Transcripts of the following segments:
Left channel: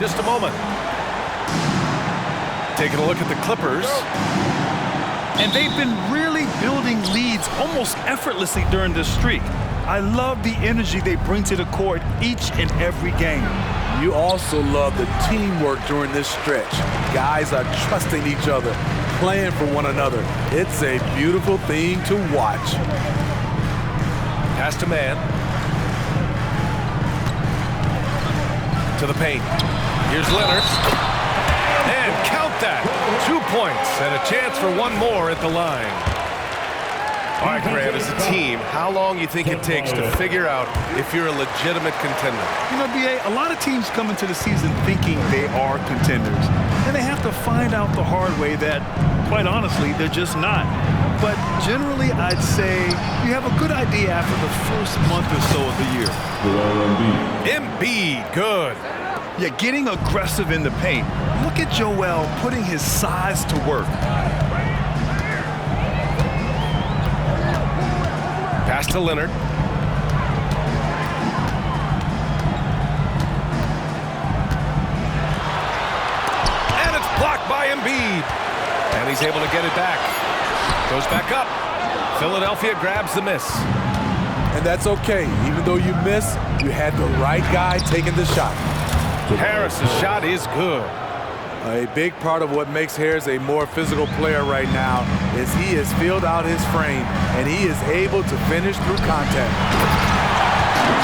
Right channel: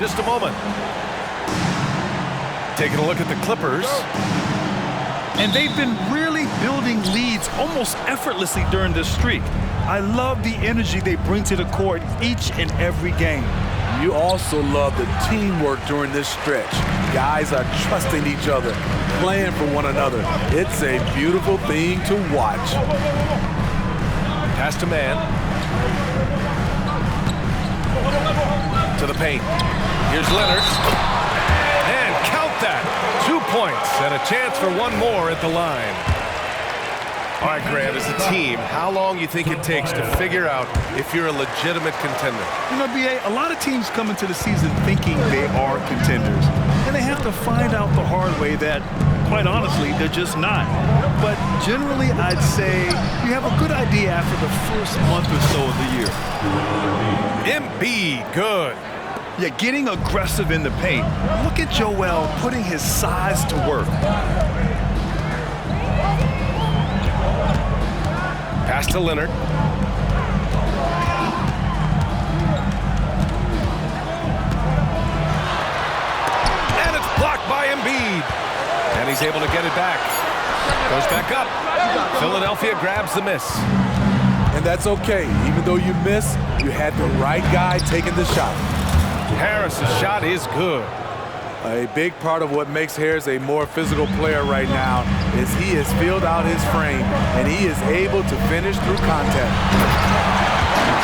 Just a moment. Taking a look at the Clippers. And they've been really building leads almost effortlessly during this streak. I love the energy they bring to the court each and every game. You also love the teamwork during this stretch. Guys are trusting each other, playing for one another. It's a beautiful thing to watch. Pass to man. To the paint. Here's Leonard. And count that. 2 points and a chance for one more at the line. All right, Grant, as a team, how long you think it takes to figure out if you're a legitimate contender? You know, B.A., a lot of teams come into the season thinking they are contenders. And they have to find out the hard way that, quite honestly, they're just not. But generally, I'd say you have a good idea after the first month or so of the year. Embiid, good. Yeah, getting aggressive in the paint. Look at Joel putting his size to work. Pass to Leonard. And it's blocked by Embiid. And he's able to get it back. Goes back up. Philadelphia grabs the miss. And that's okay. Even though you miss, you had the right guy taking the shot. Harris's shot is good. A big part of what makes Harris a more physical player right now is he has filled out his frame, and he is able to finish through contact.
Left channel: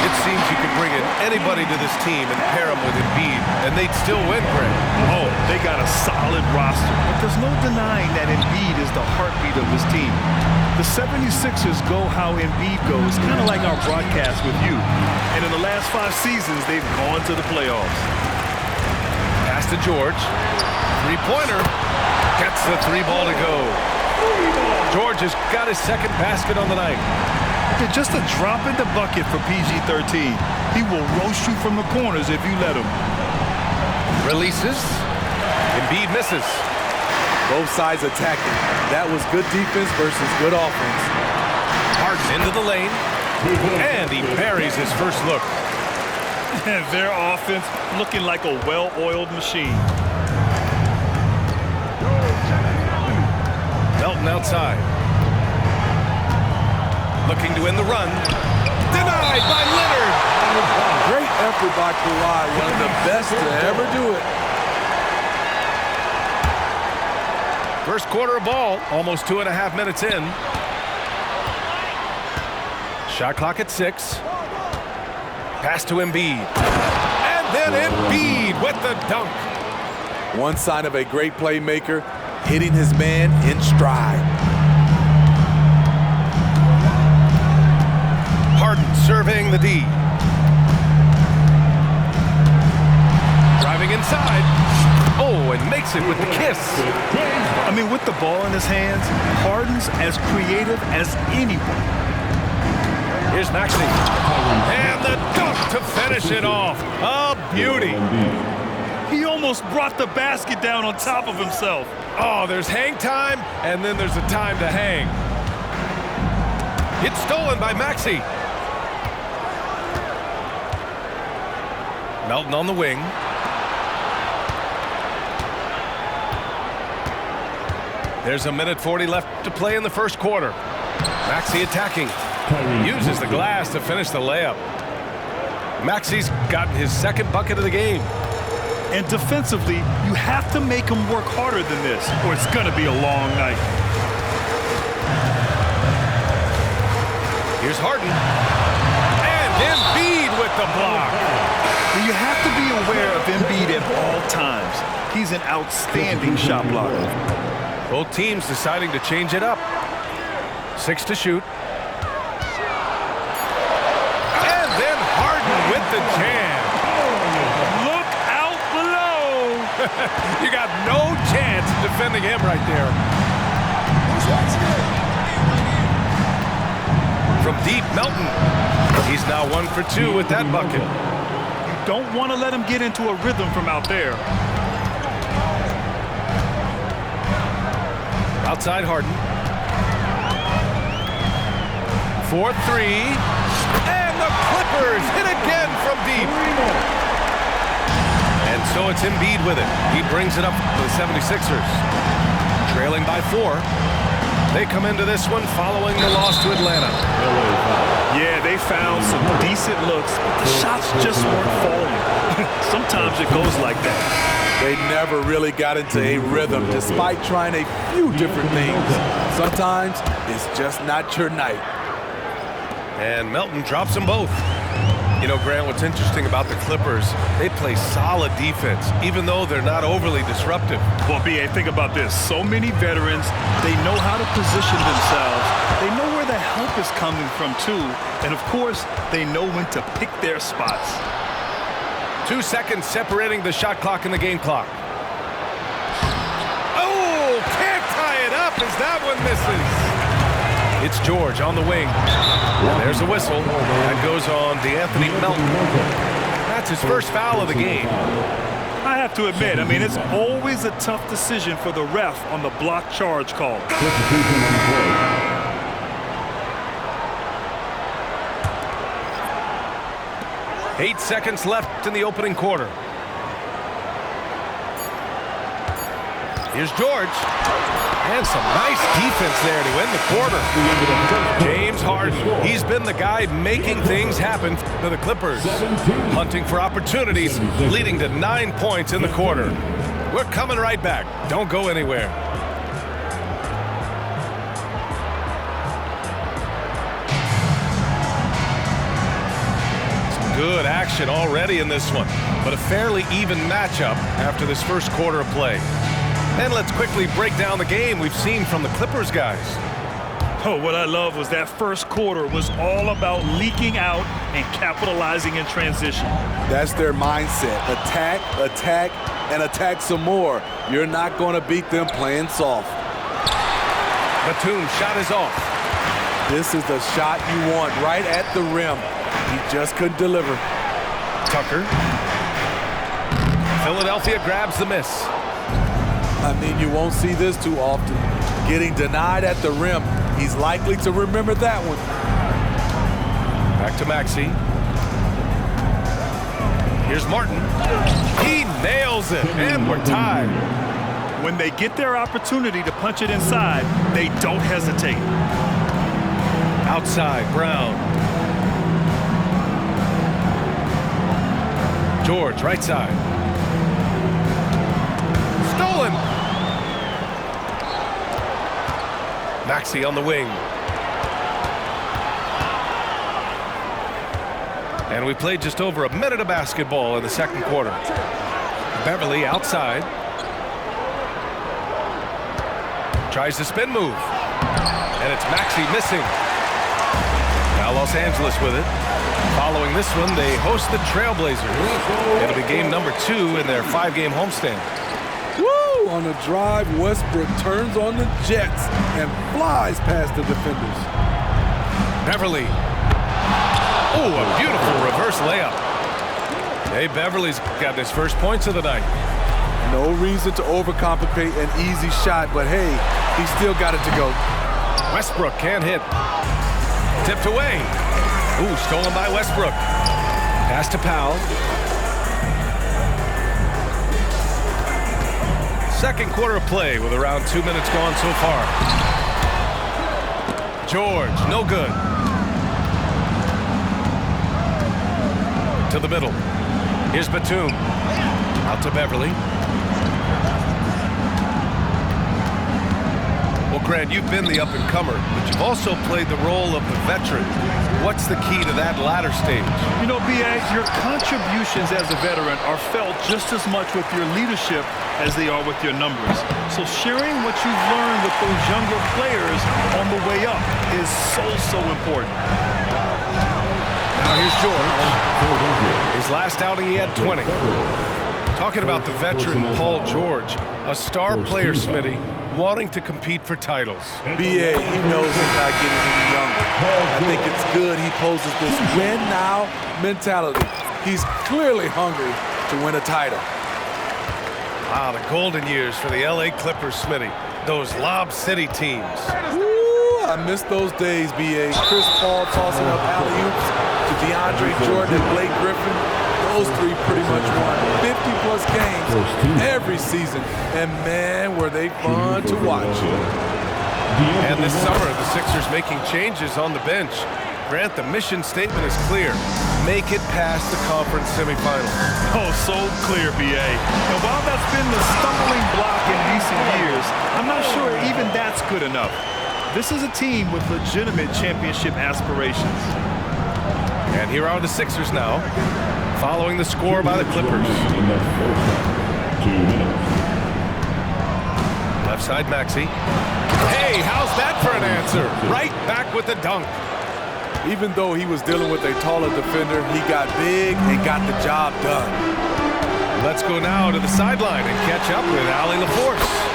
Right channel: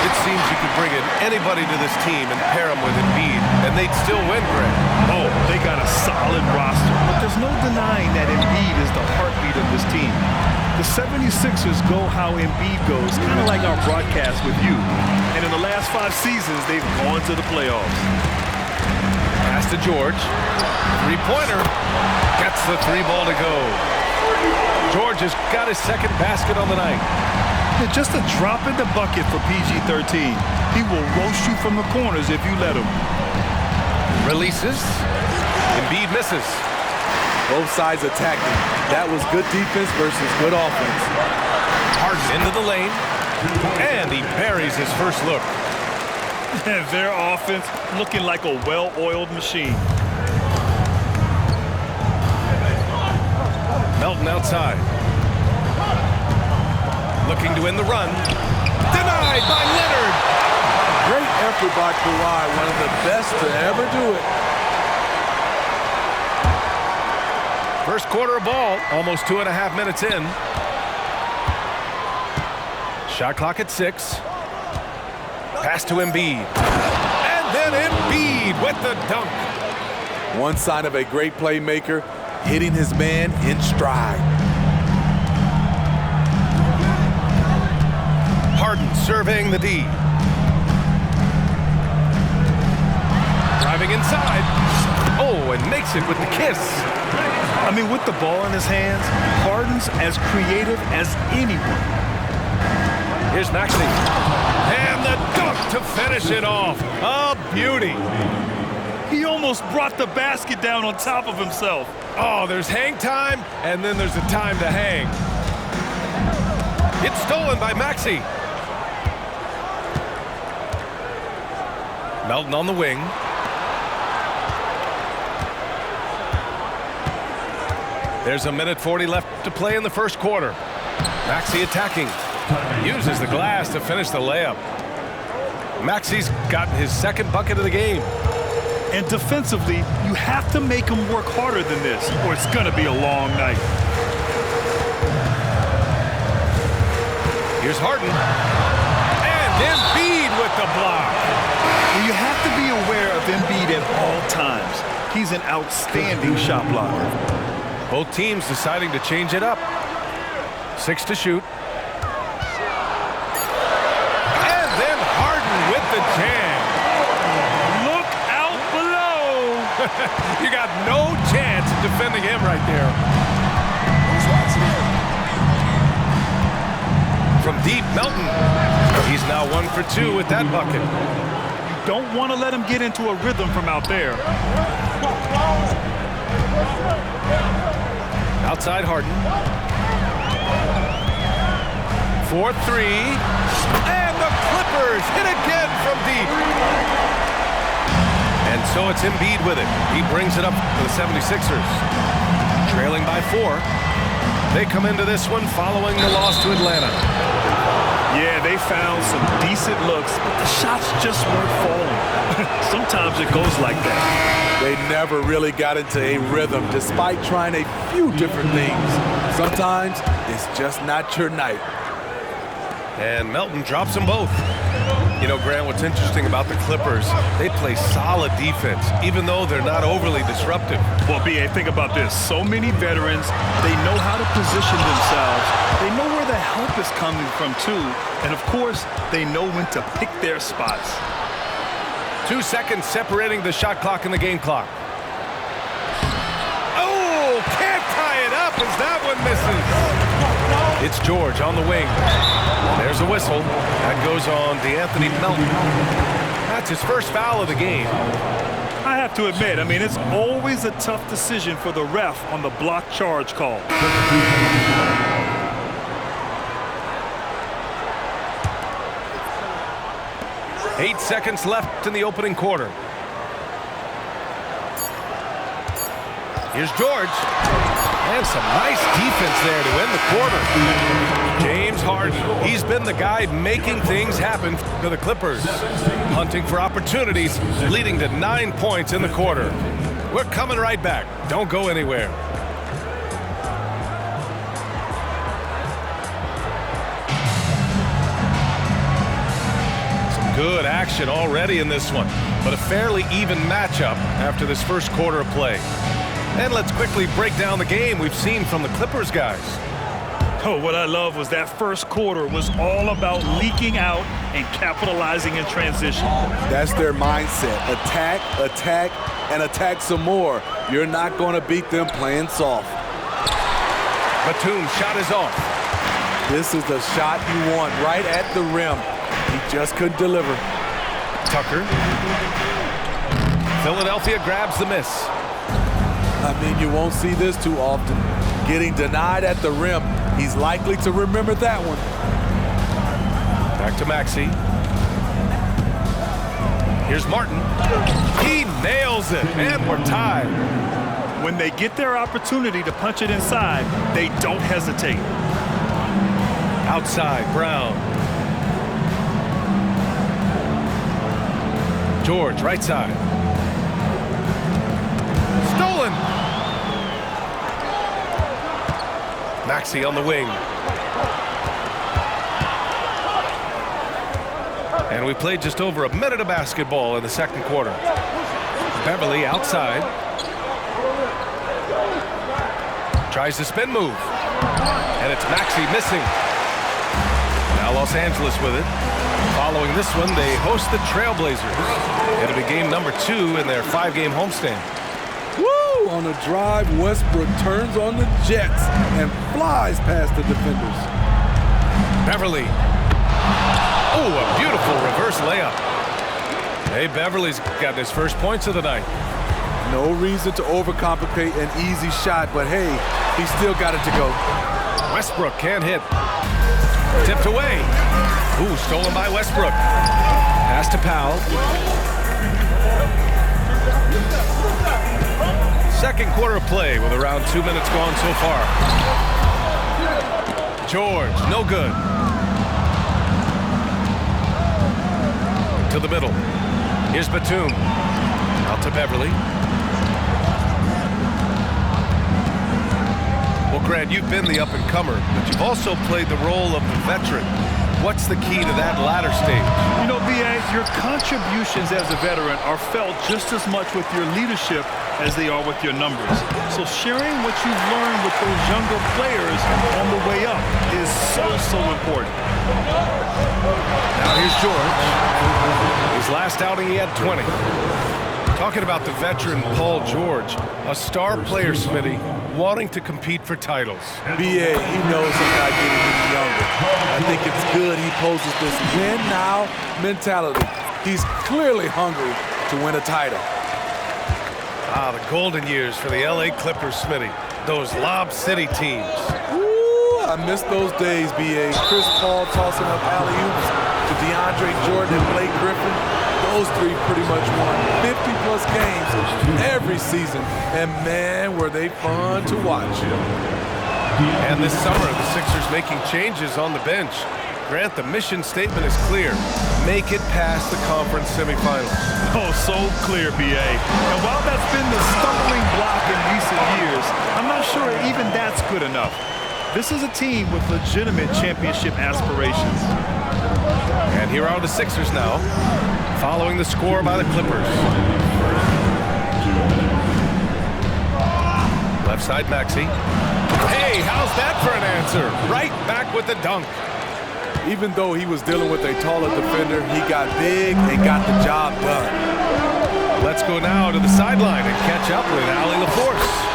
It seems you could bring in anybody to this team and pair them with Embiid, and they'd still win, Greg. Oh, they got a solid roster, but there's no denying that Embiid is the heartbeat of this team. The 76ers go how Embiid goes, kind of like our broadcast with you. And in the last 5 seasons, they've gone to the playoffs. Pass to George. Three-pointer. Gets the 3 ball to go. George has got his second basket on the night. Yeah, just a drop in the bucket for PG-13. He will roast you from the corners if you let him. Releases. Embiid misses. Both sides attacking. That was good defense versus good offense. Harden into the lane. And he buries his first look. Their offense looking like a well-oiled machine. Melton outside. Looking to end the run. Denied by Leonard. Great effort by Kawhi, one of the best to ever do it. First quarter of ball, almost 2.5 minutes in. Shot clock at 6. Pass to Embiid. And then Embiid with the dunk. One sign of a great playmaker, hitting his man in stride. Harden surveying the D. Driving inside. Oh, and makes it with the kiss. I mean, with the ball in his hands, Harden's as creative as anyone. Here's Maxey. And the dunk to finish it off. A beauty. He almost brought the basket down on top of himself. Oh, there's hang time, and then there's a time to hang. It's stolen by Maxey. Melton on the wing. There's 1:40 left to play in the first quarter. Maxey attacking. Uses the glass to finish the layup. Maxey's gotten his second bucket of the game. And defensively, you have to make him work harder than this, or it's going to be a long night. Here's Harden. And Embiid with the block. You have to be aware of Embiid at all times. He's an outstanding shot blocker. Both teams deciding to change it up. 6 to shoot. And then Harden with the jam. Look out below. You got no chance of defending him right there. From deep, Melton. He's now 1 for 2 with that bucket. You don't want to let him get into a rhythm from out there. Outside Harden. 4-3. And the Clippers hit again from deep. And so it's Embiid with it. He brings it up for the 76ers. Trailing by 4. They come into this one following the loss to Atlanta. Yeah, they found some decent looks, but the shots just weren't falling. Sometimes it goes like that. They never really got into a rhythm despite trying a few different things. Sometimes it's just not your night. And Melton drops them both. You know, Grant, what's interesting about the Clippers, they play solid defense, even though they're not overly disruptive. Well, B.A., think about this. So many veterans, they know how to position themselves. They know where the help is coming from, too. And, of course, they know when to pick their spots. 2 seconds separating the shot clock and the game clock. Oh, can't tie it up as that one misses. It's George on the wing. And there's a whistle. That goes on DeAnthony Melton. That's his first foul of the game. I have to admit, I mean, it's always a tough decision for the ref on the block charge call. 8 seconds left in the opening quarter. Here's George. And some nice defense there to end the quarter. James Harden, he's been the guy making things happen for the Clippers. Hunting for opportunities, leading to 9 points in the quarter. We're coming right back. Don't go anywhere. Some good action already in this one, but a fairly even matchup after this first quarter of play. And let's quickly break down the game we've seen from the Clippers guys. Oh, what I love was that first quarter was all about leaking out and capitalizing in transition. That's their mindset. Attack, attack, and attack some more. You're not going to beat them playing soft. Batum shot is off. This is the shot you want right at the rim. He just couldn't deliver. Tucker. Philadelphia grabs the miss. I mean, you won't see this too often. Getting denied at the rim. He's likely to remember that one. Back to Maxey. Here's Martin. He nails it, and we're tied. When they get their opportunity to punch it inside, they don't hesitate. Outside, Brown. George, right side. Stolen. Maxey on the wing. And we played just over a minute of basketball in the second quarter. Beverly outside. Tries the spin move. And it's Maxey missing. Now Los Angeles with it. Following this one, they host the Trailblazers. It'll be game number 2 in their 5-game homestand. Woo! On a drive, Westbrook turns on the Jets and flies past the defenders. Beverly. Oh, a beautiful reverse layup. Hey, Beverly's got his first points of the night. No reason to overcomplicate an easy shot, but hey, he still got it to go. Westbrook can't hit. Tipped away. Ooh, stolen by Westbrook. Pass to Powell. Second quarter of play with around 2 minutes gone so far. George, no good. To the middle. Here's Batum. Out to Beverly. Well, Grant, you've been the up-and-comer, but you've also played the role of the veteran. What's the key to that latter stage? You know, B.A., your contributions as a veteran are felt just as much with your leadership as they are with your numbers. So sharing what you've learned with those younger players on the way up is so important. Now here's George. His last outing, he had 20. Talking about the veteran Paul George, a star player, Smitty, wanting to compete for titles. B.A., he knows he's not getting any younger. I think it's good he poses this win now mentality. He's clearly hungry to win a title. Ah, the golden years for the L.A. Clippers, Smitty. Those Lob City teams. Woo, I miss those days, B.A. Chris Paul tossing up alley-oops to DeAndre Jordan and Blake Griffin. Those three pretty much won 50-plus games every season, and man, were they fun to watch. And this summer, the Sixers making changes on the bench. Grant, the mission statement is clear. Make it past the conference semifinals. Oh, so clear, B.A. And while that's been the stumbling block in recent years, I'm not sure even that's good enough. This is a team with legitimate championship aspirations. And here are the Sixers now, following the score by the Clippers. Left side, Maxey. Hey, how's that for an answer? Right back with the dunk. Even though he was dealing with a taller defender, he got big and got the job done. Let's go now to the sideline and catch up with Allie LaForce.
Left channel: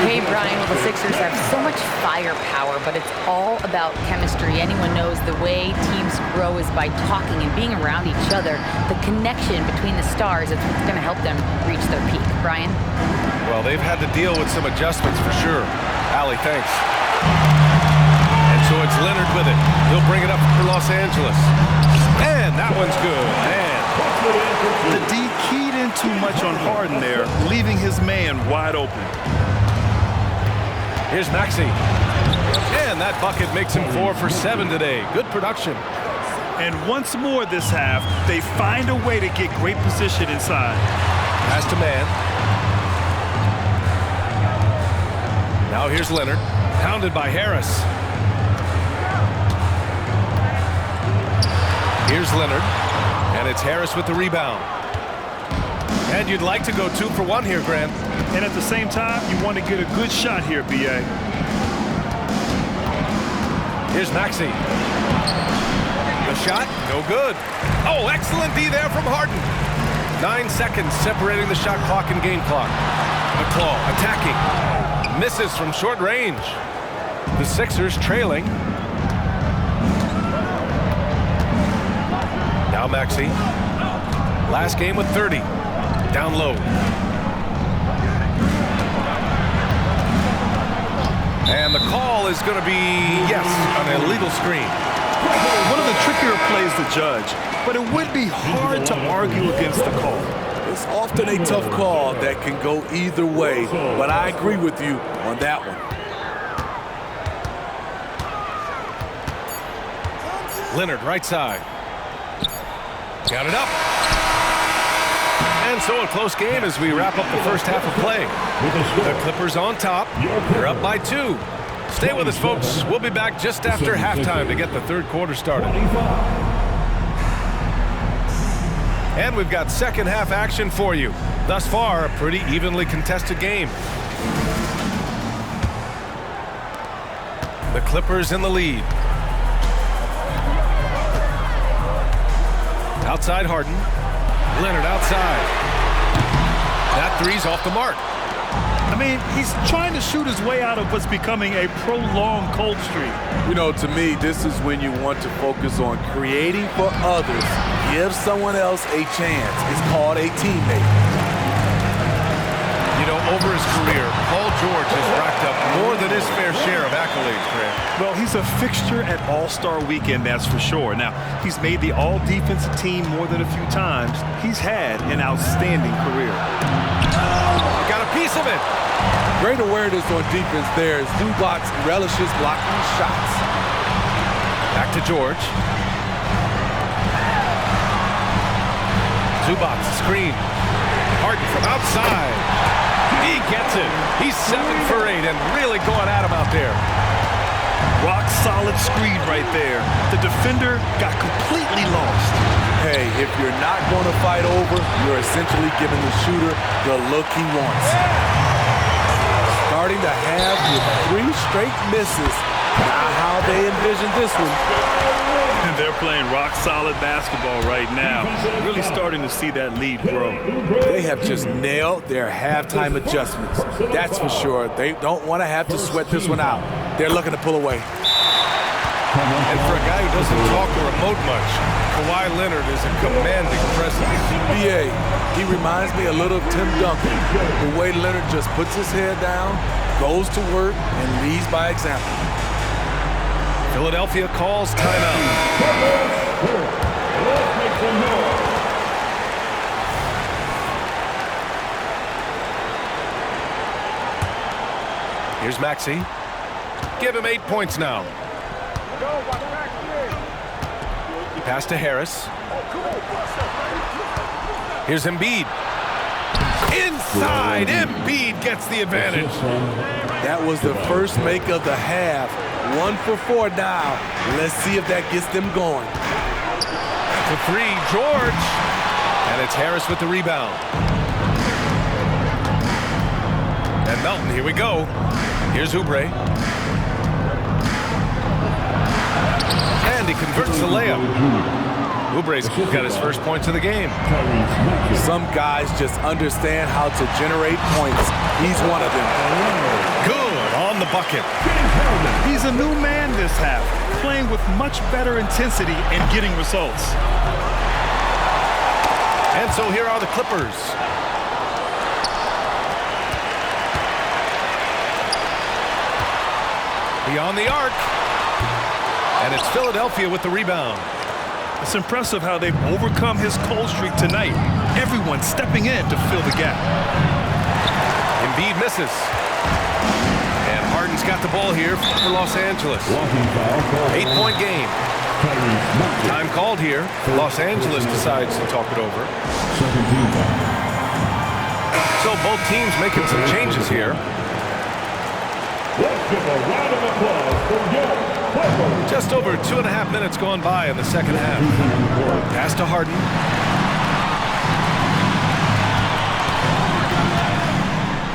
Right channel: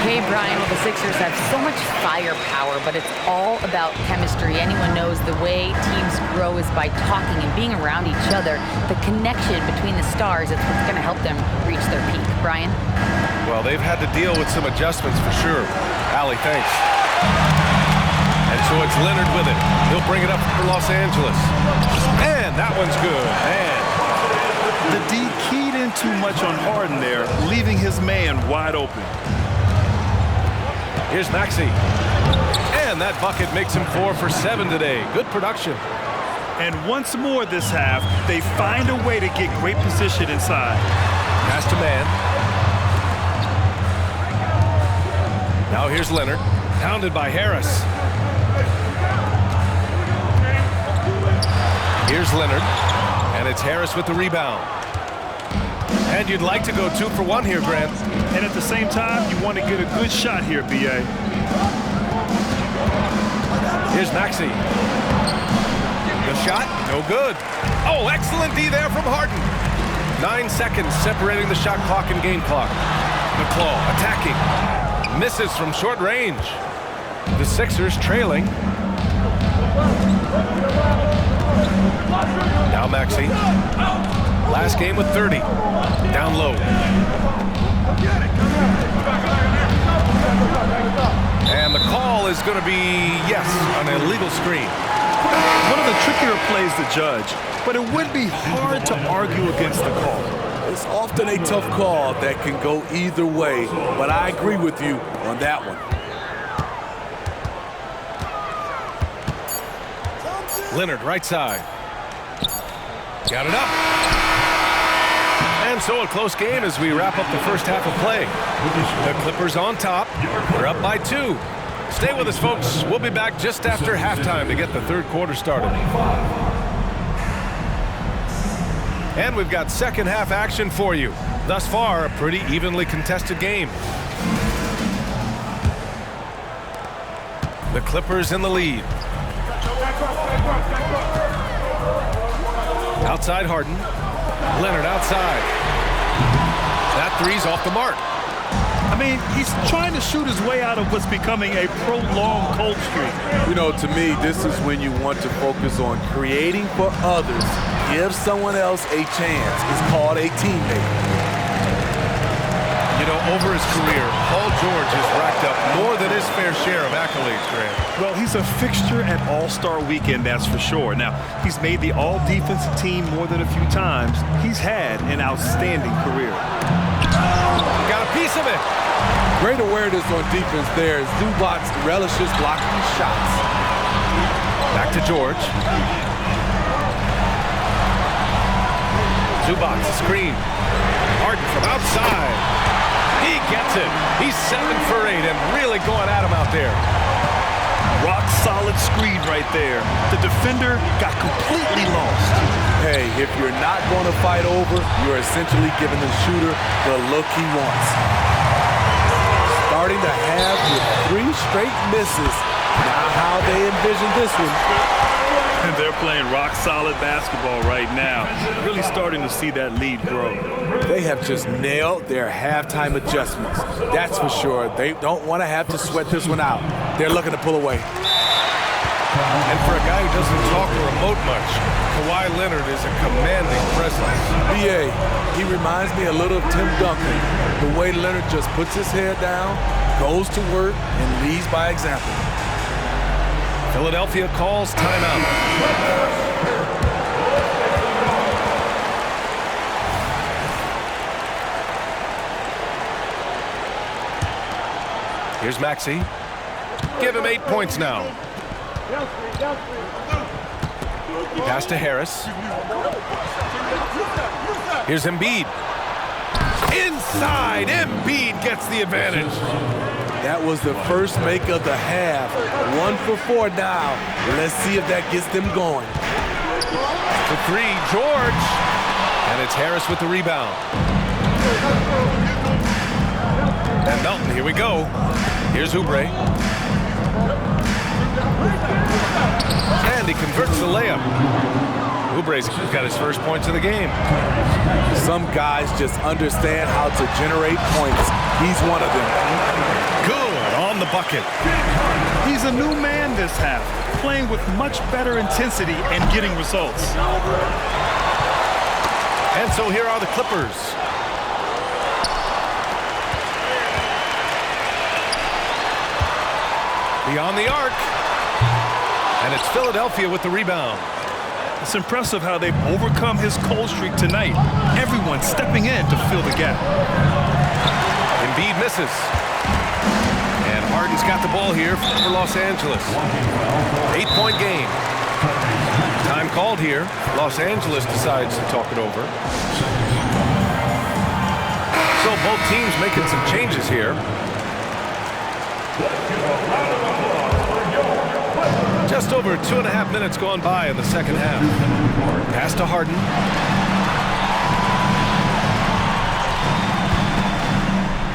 Hey, Brian. Well, the Sixers have so much firepower, but it's all about chemistry. Anyone knows the way teams grow is by talking and being around each other. The connection between the stars is what's going to help them reach their peak. Brian? Well, they've had to deal with some adjustments for sure. Allie, thanks. And so it's Leonard with it. He'll bring it up for Los Angeles. And that one's good. And the D keyed in too much on Harden there, leaving his man wide open. Here's Maxey. And that bucket makes him 4 for 7 today. Good production. And once more this half, they find a way to get great position inside. Pass to man. Now here's Leonard. Pounded by Harris. Here's Leonard. And it's Harris with the rebound. And you'd like to go 2 for 1 here, Grant. And at the same time, you want to get a good shot here, B.A. Here's Maxey. The shot, no good. Oh, excellent D there from Harden. 9 seconds separating the shot clock and game clock. The claw attacking. Misses from short range. The Sixers trailing. Now Maxey. Last game with 30. Down low. And the call is going to be, yes, an illegal screen. One of the trickier plays to judge, but it would be hard to argue against the call. It's often a tough call that can go either way, but I agree with you on that one. Leonard, right side. Got it up. And so a close game as we wrap up the first half of play. The Clippers on top. They're up by 2. Stay with us, folks. We'll be back just after halftime to get the third quarter started. And we've got second half action for you. Thus far, a pretty evenly contested game. The Clippers in the lead. Outside Harden. Leonard outside. That three's off the mark. I mean, he's trying to shoot his way out of what's becoming a prolonged cold streak. You know, to me, this is when you want to focus on creating for others. Give someone else a chance. It's called a teammate. You know, over his career, Paul George has racked up more than his fair share of accolades, Grant. Well, he's a fixture at All-Star Weekend, that's for sure. Now, he's made the all-defensive team more than a few times. He's had an outstanding career. He got a piece of it. Great awareness on defense there. Zubac relishes blocking shots. Back to George. Zubac, screen. Harden from outside. He gets it. He's 7 for 8 and really going at him out there. Rock solid screen right there. The defender got completely lost. Hey, if you're not going to fight over, you're essentially giving the shooter the look he wants. Starting to have with 3 straight misses. Now how they envision this one. And they're playing rock-solid basketball right now. Really starting to see that lead grow. They have just nailed their halftime adjustments. That's for sure. They don't want to have to sweat this one out. They're looking to pull away. And for a guy who doesn't talk or emote much, Kawhi Leonard is a commanding presence. B.A., he reminds me a little of Tim Duncan. The way Leonard just puts his head down, goes to work, and leads by example. Philadelphia calls timeout. Here's Maxey. Give him 8 points now. Pass to Harris. Here's Embiid. Inside, Embiid gets the advantage. That was the first make of the half. 1 for 4 now. Let's see if that gets them going. To 3, George. And it's Harris with the rebound. And Melton, here we go. Here's Oubre. And he converts the layup. Oubre's got his first points of the game. Some guys just understand how to generate points. He's one of them. Good on the bucket. He's a new man this half, playing with much better intensity and getting results. And so here are the Clippers. Beyond the arc. And it's Philadelphia with the rebound. It's impressive how they've overcome his cold streak tonight. Everyone stepping in to fill the gap. Embiid misses. And Harden's got the ball here for Los Angeles. 8-point game. Time called here. Los Angeles decides to talk it over. So both teams making some changes here. Just over 2.5 minutes gone by in the second half. Pass to Harden.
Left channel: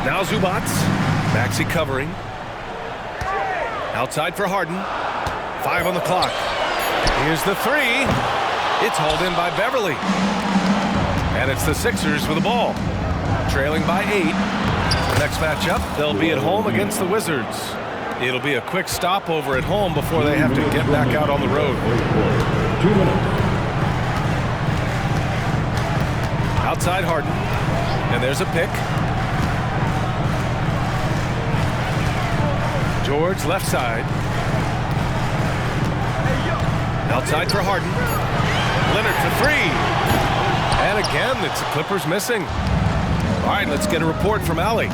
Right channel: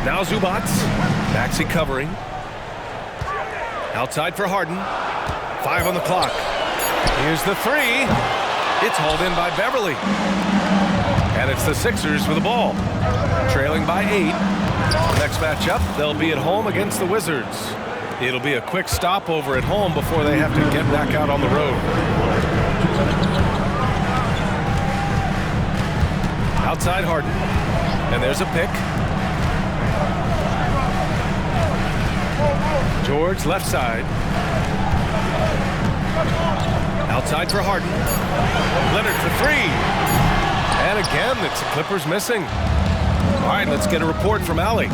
Now Zubac. Maxey covering. Outside for Harden. 5 on the clock. Here's the 3. It's hauled in by Beverly. And it's the Sixers with the ball. Trailing by 8. Next matchup, they'll be at home against the Wizards. It'll be a quick stopover at home before they have to get back out on the road. Outside Harden. And there's a pick. George left side. Outside for Harden. Leonard for 3. And again, it's the Clippers missing. All right, let's get a report from Allie.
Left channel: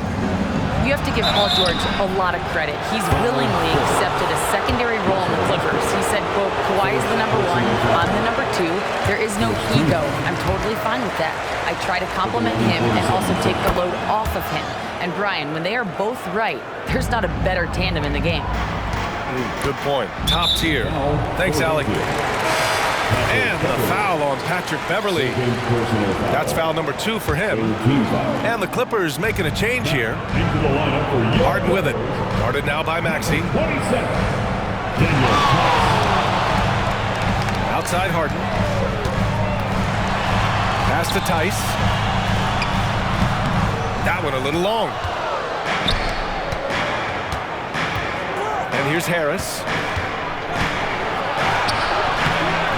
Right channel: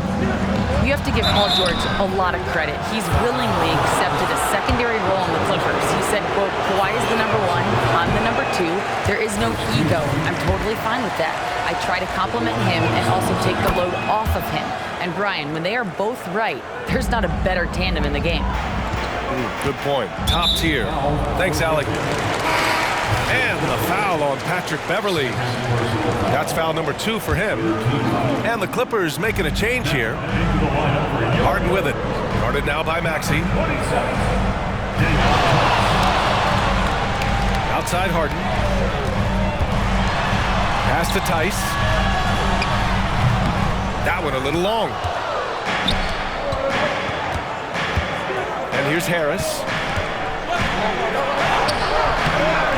You have to give Paul George a lot of credit. He's willingly accepted a secondary role in the Clippers. He said, quote, Kawhi is the number 1, I'm the number 2. There is no ego. I'm totally fine with that. I try to compliment him and also take the load off of him. And Brian, when they are both right, there's not a better tandem in the game. Good point. Top tier. Thanks, Allie. And the foul on Patrick Beverly. That's foul number 2 for him. And the Clippers making a change here. Harden with it. Guarded now by Maxey. Outside Harden. Pass to Tice. That one a little long. And here's Harris.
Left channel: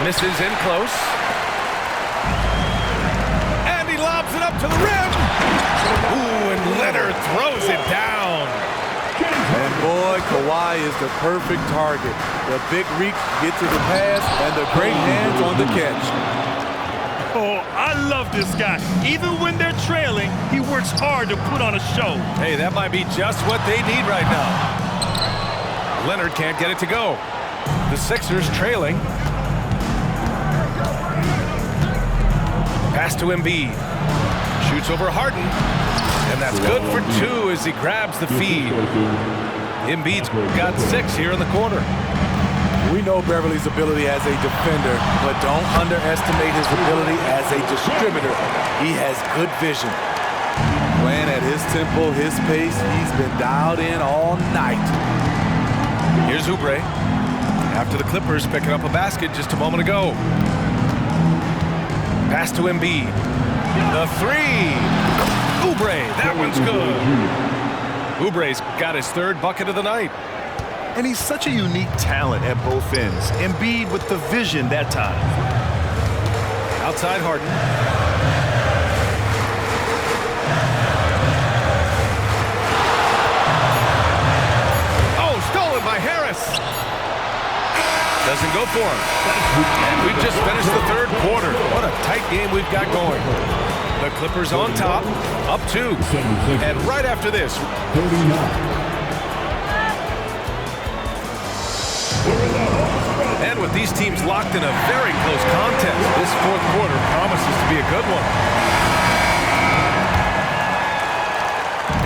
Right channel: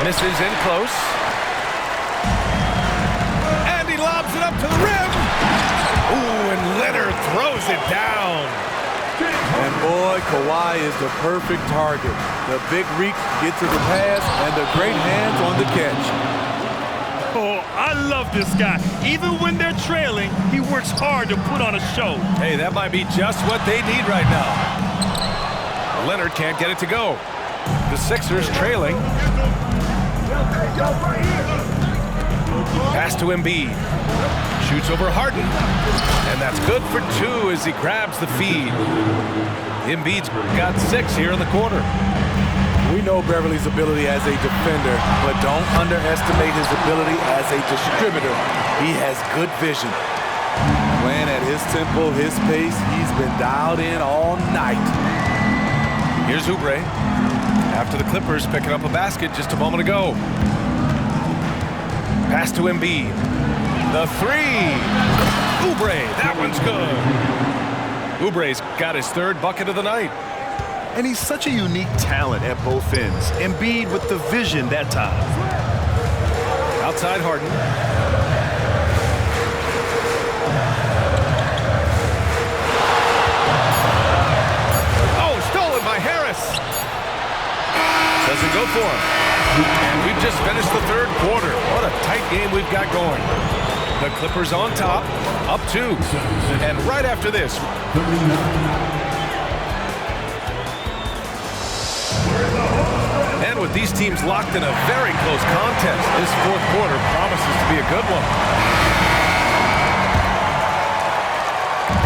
Misses in close. And he lobs it up to the rim. Ooh, and Leonard throws it down. And boy, Kawhi is the perfect target. The big reach to get to the pass and the great hands on the catch. Oh, I love this guy. Even when they're trailing, he works hard to put on a show. Hey, that might be just what they need right now. Leonard can't get it to go. The Sixers trailing. Pass to Embiid. Shoots over Harden. And that's good for 2 as he grabs the feed. Embiid's got 6 here in the quarter. We know Beverly's ability as a defender, but don't underestimate his ability as a distributor. He has good vision. Playing at his tempo, his pace, he's been dialed in all night. Here's Oubre. After the Clippers picking up a basket just a moment ago. Pass to Embiid. The 3. Oubre, that one's good. Oubre's got his 3rd bucket of the night. And he's such a unique talent at both ends. Embiid with the vision that time. Outside Harden. Oh, stolen by Harris. Doesn't go for him. And we've just finished the 3rd quarter. What a tight game we've got going. The Clippers on top, up 2. And right after this, And with these teams locked in a very close contest, this fourth quarter promises to be a good one.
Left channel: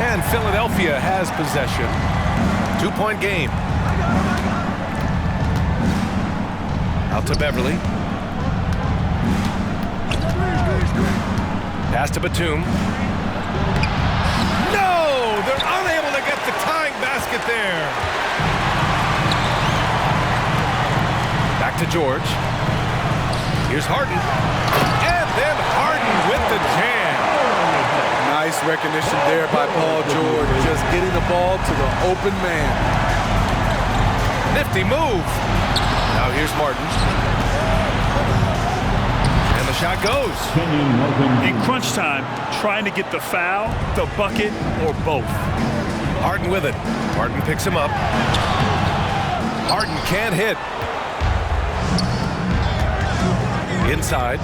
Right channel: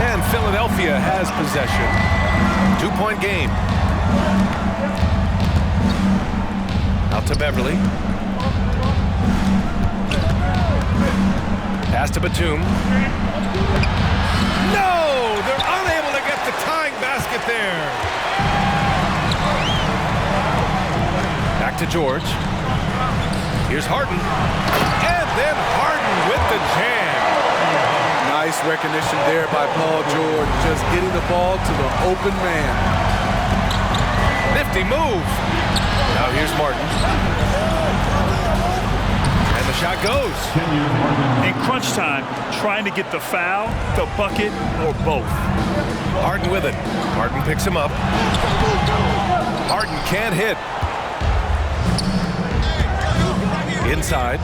And Philadelphia has possession. 2-point game. Out to Beverly. Pass to Batum. No! They're unable to get the tying basket there. Back to George. Here's Harden. And then Harden with the jam. Nice recognition there by Paul George, just getting the ball to the open man. Nifty move. Now here's Martin. And the shot goes. In crunch time, trying to get the foul, the bucket, or both. Harden with it. Harden picks him up. Harden can't hit. Inside.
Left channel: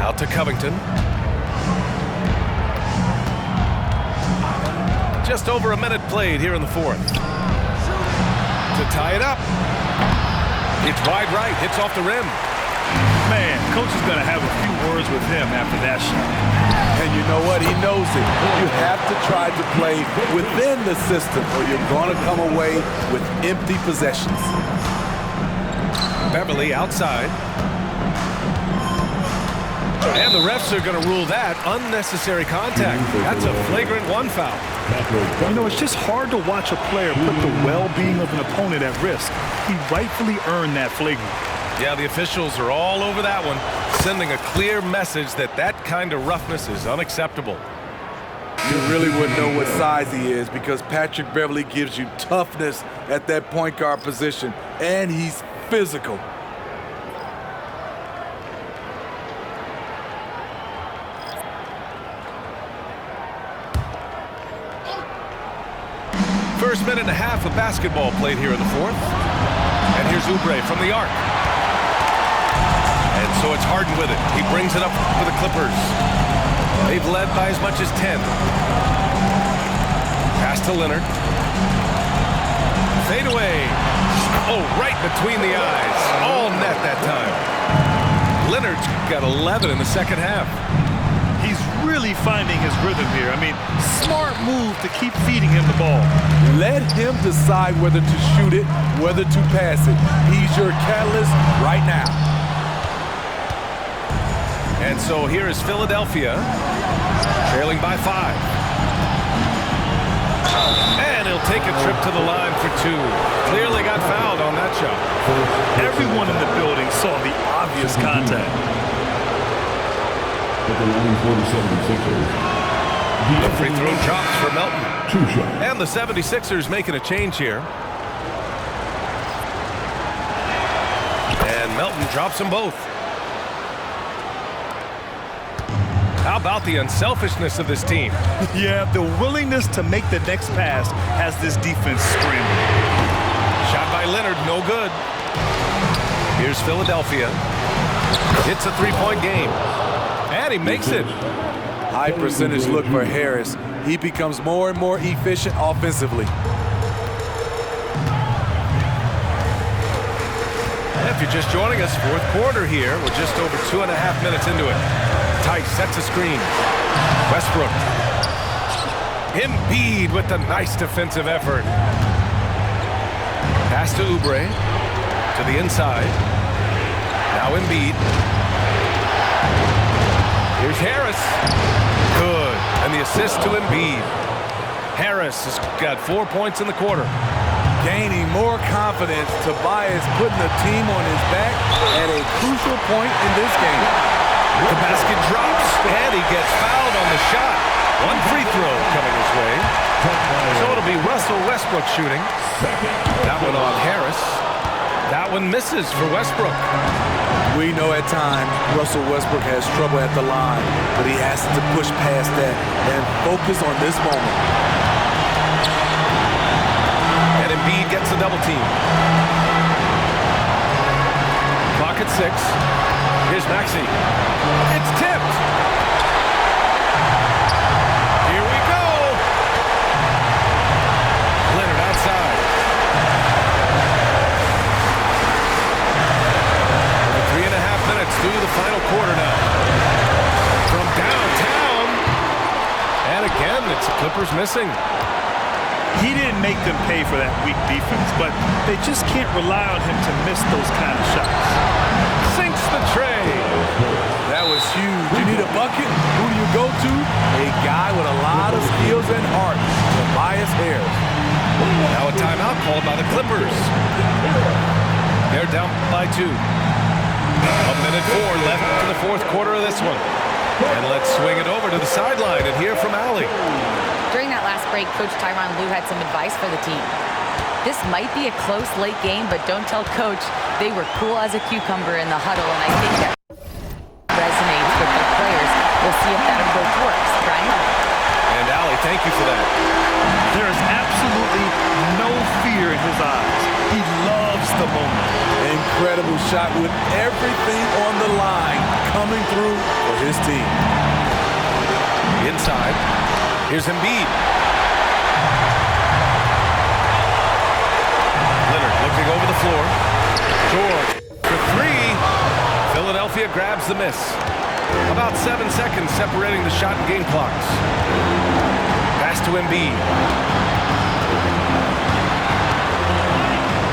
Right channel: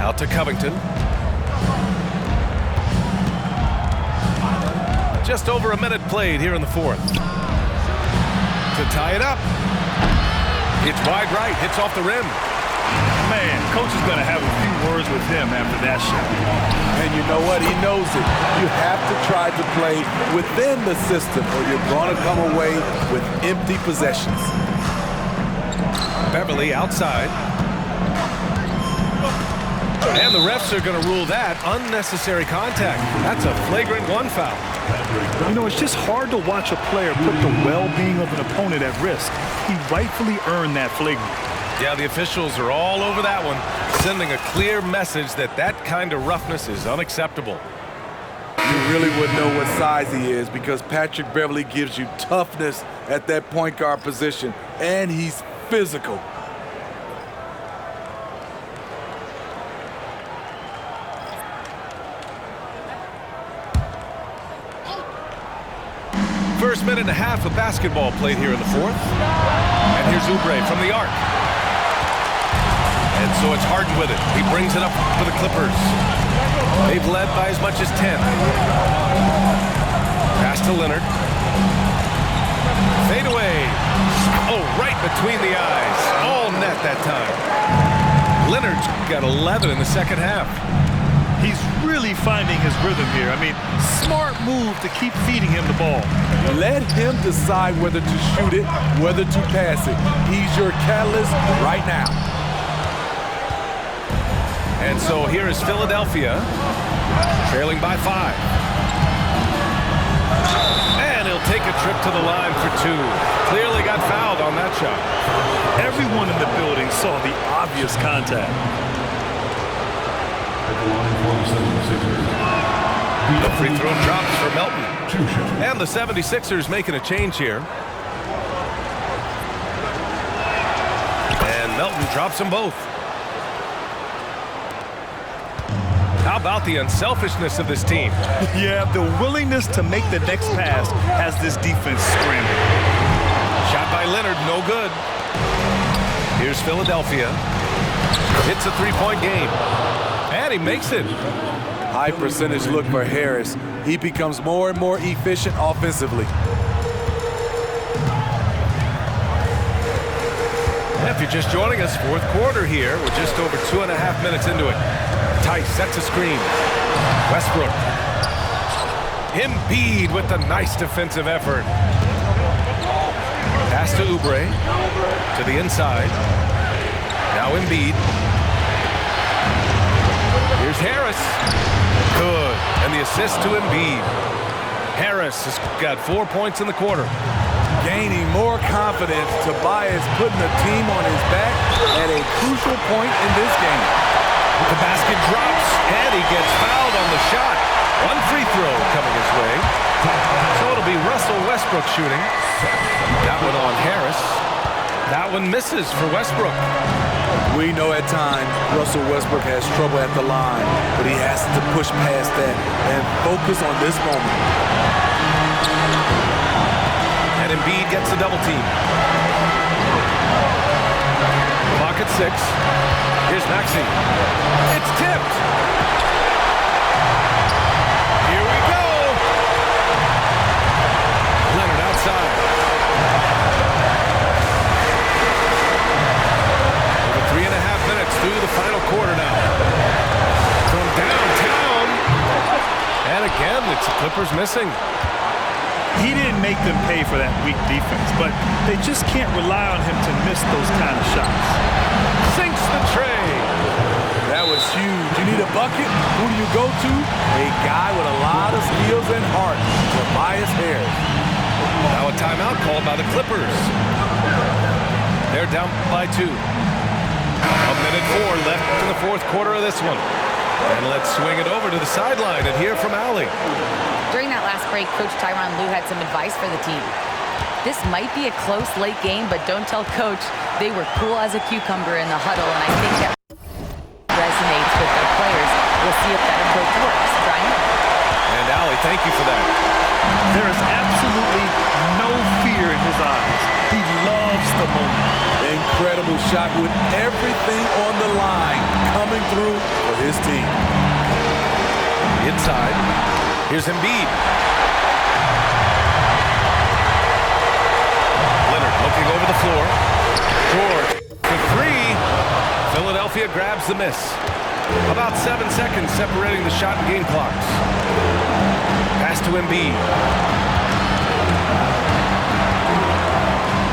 Out to Covington. Just over a minute played here in the fourth. To tie it up. It's wide right, hits off the rim. Man, coach is going to have a few words with him after that shot. And you know what? He knows it. You have to try to play within the system or you're going to come away with empty possessions. Beverly outside. And the refs are going to rule that unnecessary contact. That's a flagrant one foul. You know, it's just hard to watch a player put the well-being of an opponent at risk. He rightfully earned that flagrant. Yeah, the officials are all over that one, sending a clear message that that kind of roughness is unacceptable. You really wouldn't know what size he is because Patrick Beverly gives you toughness at that point guard position, and he's physical. First minute and a half of basketball played here in the fourth. And here's Oubre from the arc. And so it's Harden with it. He brings it up for the Clippers. They've led by as much as 10. Pass to Leonard. Fade away. Oh, right between the eyes. All net that time. Leonard's got 11 in the second half. He's really finding his rhythm here. I mean, smart move to keep feeding him the ball. Let him decide whether to shoot it, whether to pass it. He's your catalyst right now. And so here is Philadelphia, trailing by 5. And he'll take a trip to the line for 2. Clearly got fouled on that shot. Everyone in the building saw the obvious contact. At the line for the 76ers. The free throw drops for Melton. 2 shots. And the 76ers making a change here. And Melton drops them both. How about the unselfishness of this team? Yeah, the willingness to make the next pass has this defense scrambling. Shot by Leonard, no good. Here's Philadelphia. It's a 3-point game. And he makes it. High percentage look for Harris. He becomes more and more efficient offensively. If you're just joining us, fourth quarter here. We're just over 2.5 minutes into it. Tice sets a screen. Westbrook. Embiid with the nice defensive effort. Pass to Oubre. To the inside. Now Embiid. Here's Harris. Good. And the assist to Embiid. Harris has got 4 points in the quarter. Gaining more confidence, Tobias putting the team on his back at a crucial point in this game. The basket drops, and he gets fouled on the shot. One free throw coming his way. So it'll be Russell Westbrook shooting. That one on Harris. That one misses for Westbrook. We know at times Russell Westbrook has trouble at the line, but he has to push past that and focus on this moment. And Embiid gets the double team. Clock at 6. Here's Maxey. It's tipped. Here we go. Leonard outside. minutes through the final quarter now. From downtown. And again, it's the Clippers missing. He didn't make them pay for that weak defense, but they just can't rely on him to miss those kind of shots. Sinks the tray. That was huge. You need a bucket? Who do you go to? A guy with a lot of skills and heart, Tobias Harris. Now a timeout called by the Clippers. They're down by 2. 1:04 left in the fourth quarter of this one. And let's swing it over to the sideline and hear from Allie. During that last break, Coach Tyronn Lue had some advice for the team. This might be a close late game, but don't tell Coach. They were cool as a cucumber in the huddle, and I think that resonates with their players. We'll see if that approach works. Brian? And Allie, thank you for that. There is absolutely no fear in his eyes. He loves the moment. Incredible shot with everything on the line coming through for his team. Inside. Here's Embiid. Leonard looking over the floor. George for 3. Philadelphia grabs the miss. About 7 seconds separating the shot and game clocks. Pass to Embiid.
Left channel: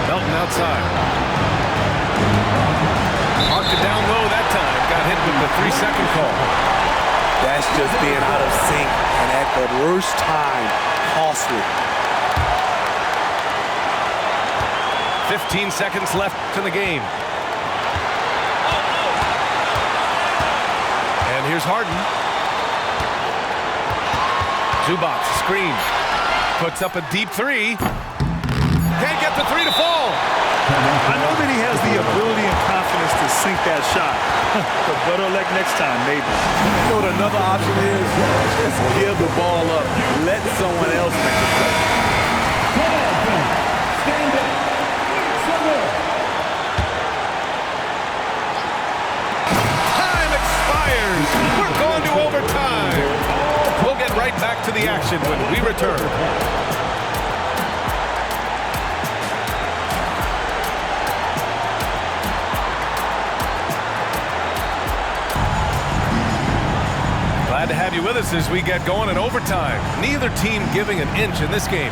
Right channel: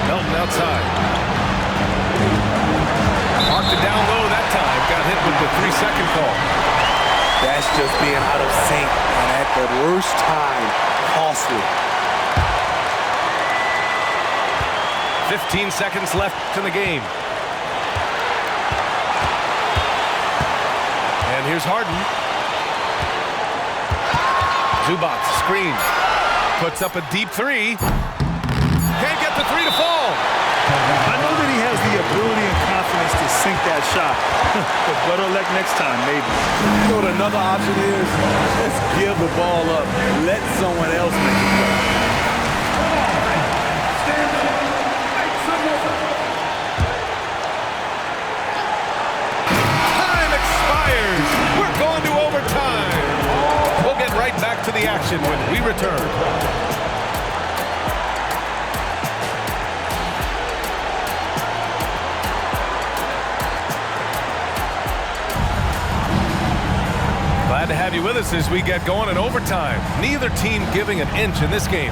Melton outside. Marked it down low that time. Got hit with the 3-second call. That's just being out of sync and at the worst time, costly. 15 seconds left in the game. And here's Harden. Zubac, screen. Puts up a deep 3. Can't get the 3 to fall. I know that he has the ability and confidence to sink that shot. But better luck next time, maybe. You know what another option is? Just give the ball up. Let someone else make the play. Come on, fans. Stand up. Make some more. Time expires. We're going to overtime. We'll get right back to the action when we return. Glad to have you with us as we get going in overtime. Neither team giving an inch in this game.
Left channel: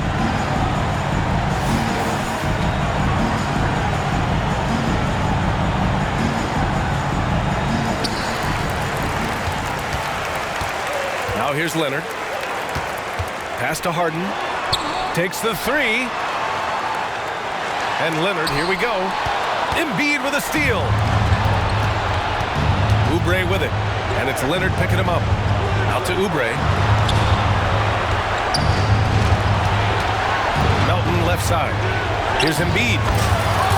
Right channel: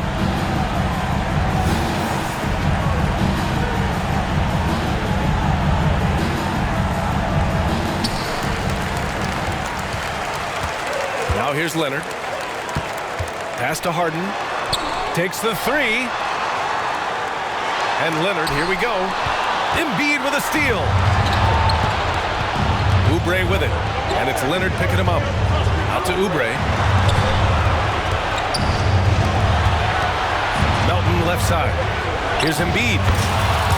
Now here's Leonard. Pass to Harden. Takes the 3. And Leonard, here we go. Embiid with a steal. Oubre with it. And it's Leonard picking him up. Out to Oubre. Melton left side. Here's Embiid.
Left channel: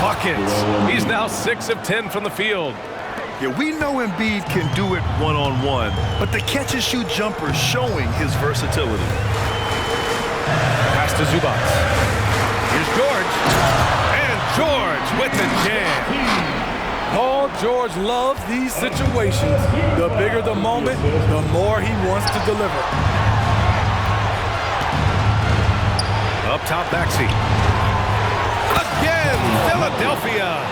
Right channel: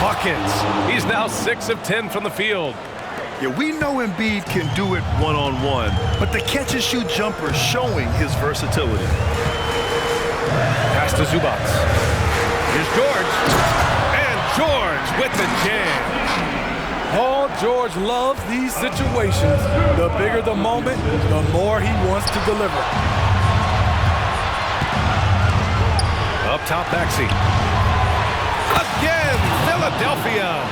Buckets. He's now 6 of 10 from the field. Yeah, we know Embiid can do it one-on-one, but the catch-and-shoot jumper is showing his versatility. Pass to Zubac. Here's George. And George with the jam. Paul George loves these situations. The bigger the moment, the more he wants to deliver. Up top, Maxey. Again, Philadelphia.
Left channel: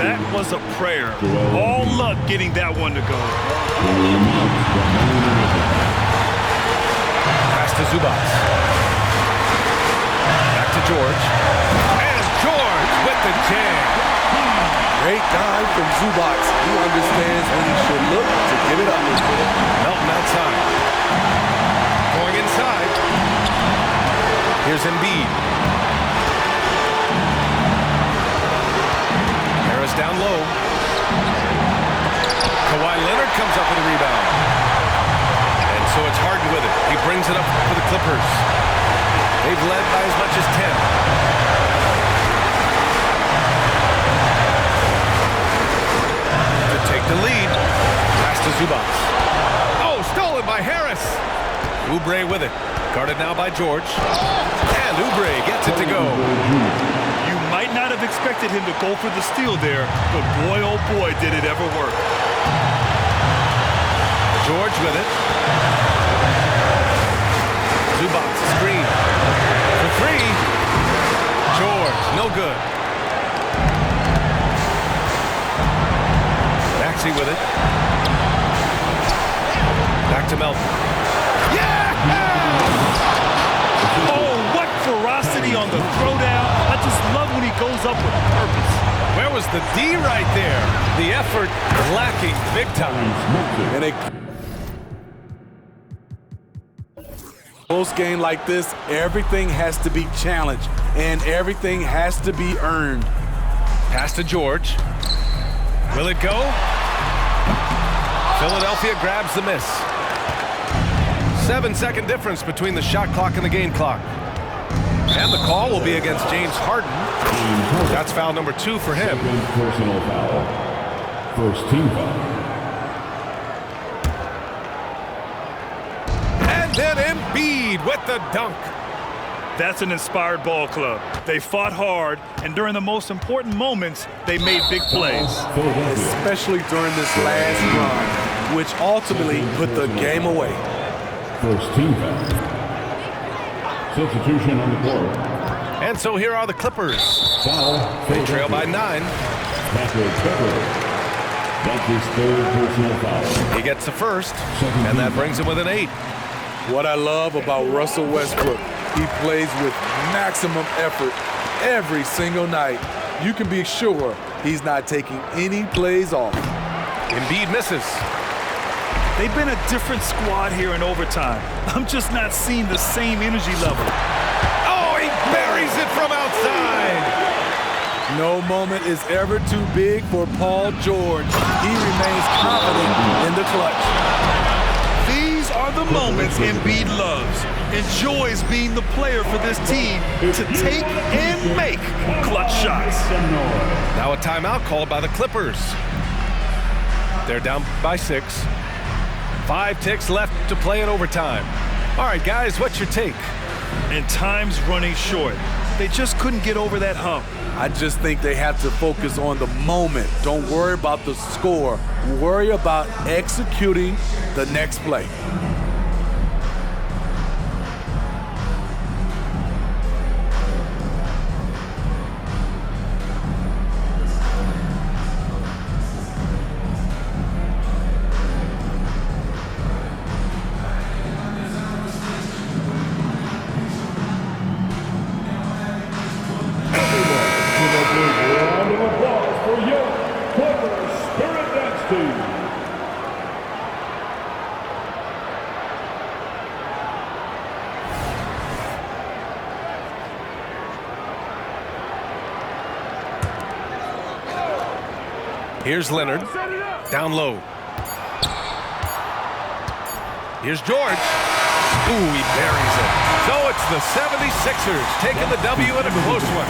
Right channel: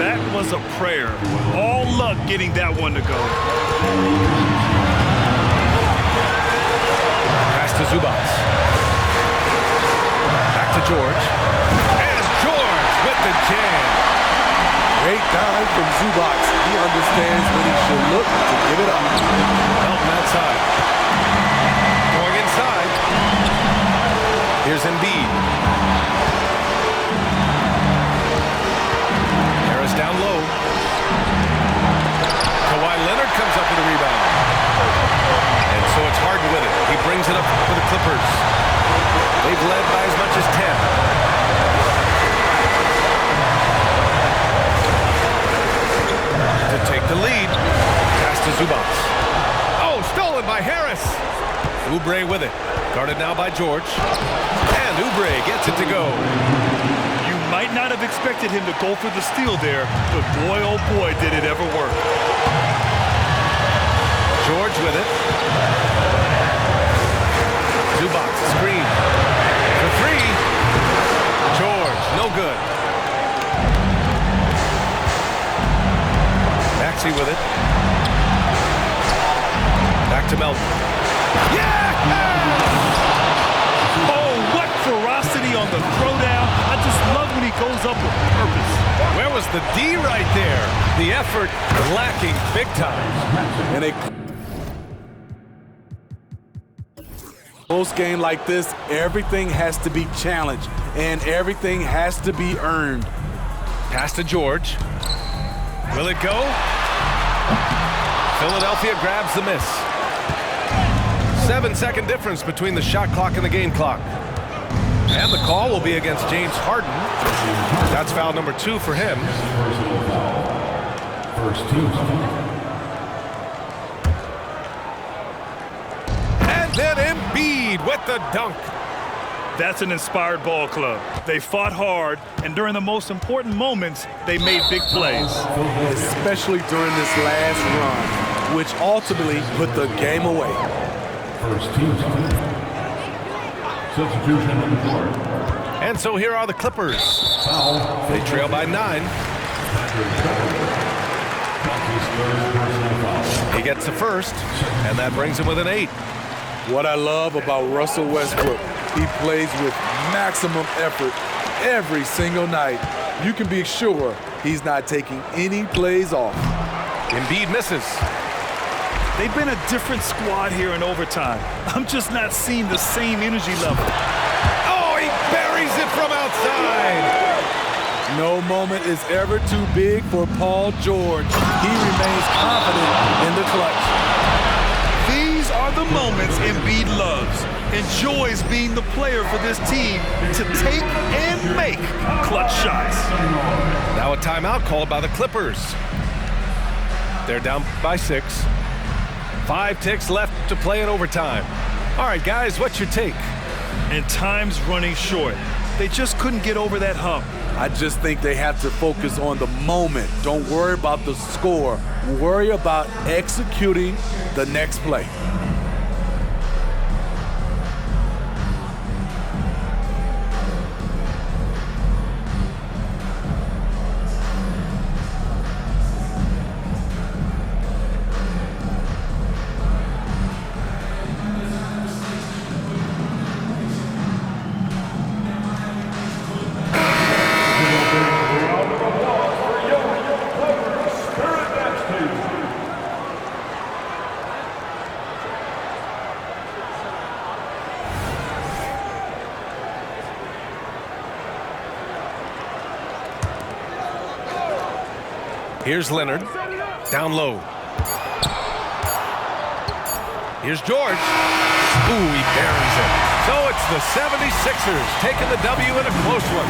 That was a prayer. All luck getting that one to go. Pass to Zubac. Back to George. And George with the jam. Great dive from Zubac. He understands when he should look to give it up. Melton outside. Going inside. Here's Embiid. Harris down low. Kawhi Leonard comes up with a rebound. And so it's Harden with it. He brings it up for the Clippers. They've led by as much as 10. To take the lead. Pass to Zubac. Oh, stolen by Harris. Oubre with it. Guarded now by George. And Oubre gets it to go. You might not have expected him to go for the steal there, but boy, oh boy, did it ever work. George with it. Zubac, screen. For 3. George, no good. Maxey with it. Back to Melton. Yeah! Oh, what ferocity on the throwdown. I just love when he goes up with purpose. Where was the D right there? The effort lacking big time. In a close game like this, everything has to be challenged and everything has to be earned. Pass to George. Will it go? Philadelphia grabs the miss. 7-second difference between the shot clock and the game clock. And the call will be against James Harden. That's foul number 2 for him. Personal foul. First team foul. And then Embiid with the dunk. That's an inspired ball club. They fought hard, and during the most important moments, they made big plays. Especially during this last run, which ultimately put the game away. First team foul. Substitution on the court. And so here are the Clippers. Foul. They trail by 9. Patrick Beverley. That's his 3rd personal foul. He gets the first, and that brings him with an 8. What I love about Russell Westbrook, he plays with maximum effort every single night. You can be sure he's not taking any plays off. Embiid misses. They've been a different squad here in overtime. I'm just not seeing the same energy level. Oh, he buries it from outside. No moment is ever too big for Paul George. He remains confident in the clutch. These are the moments Embiid loves. Enjoys being the player for this team to take and make clutch shots. Now a timeout called by the Clippers. They're down by 6. 5 ticks left to play in overtime. All right, guys, what's your take? And time's running short. They just couldn't get over that hump. I just think they have to focus on the moment. Don't worry about the score. Worry about executing the next play. Round of applause for young Clippers Spirit Dance Team. Here's Leonard. Down low. Here's George. Ooh, he buries it. So it's the 76ers taking the W in a close one.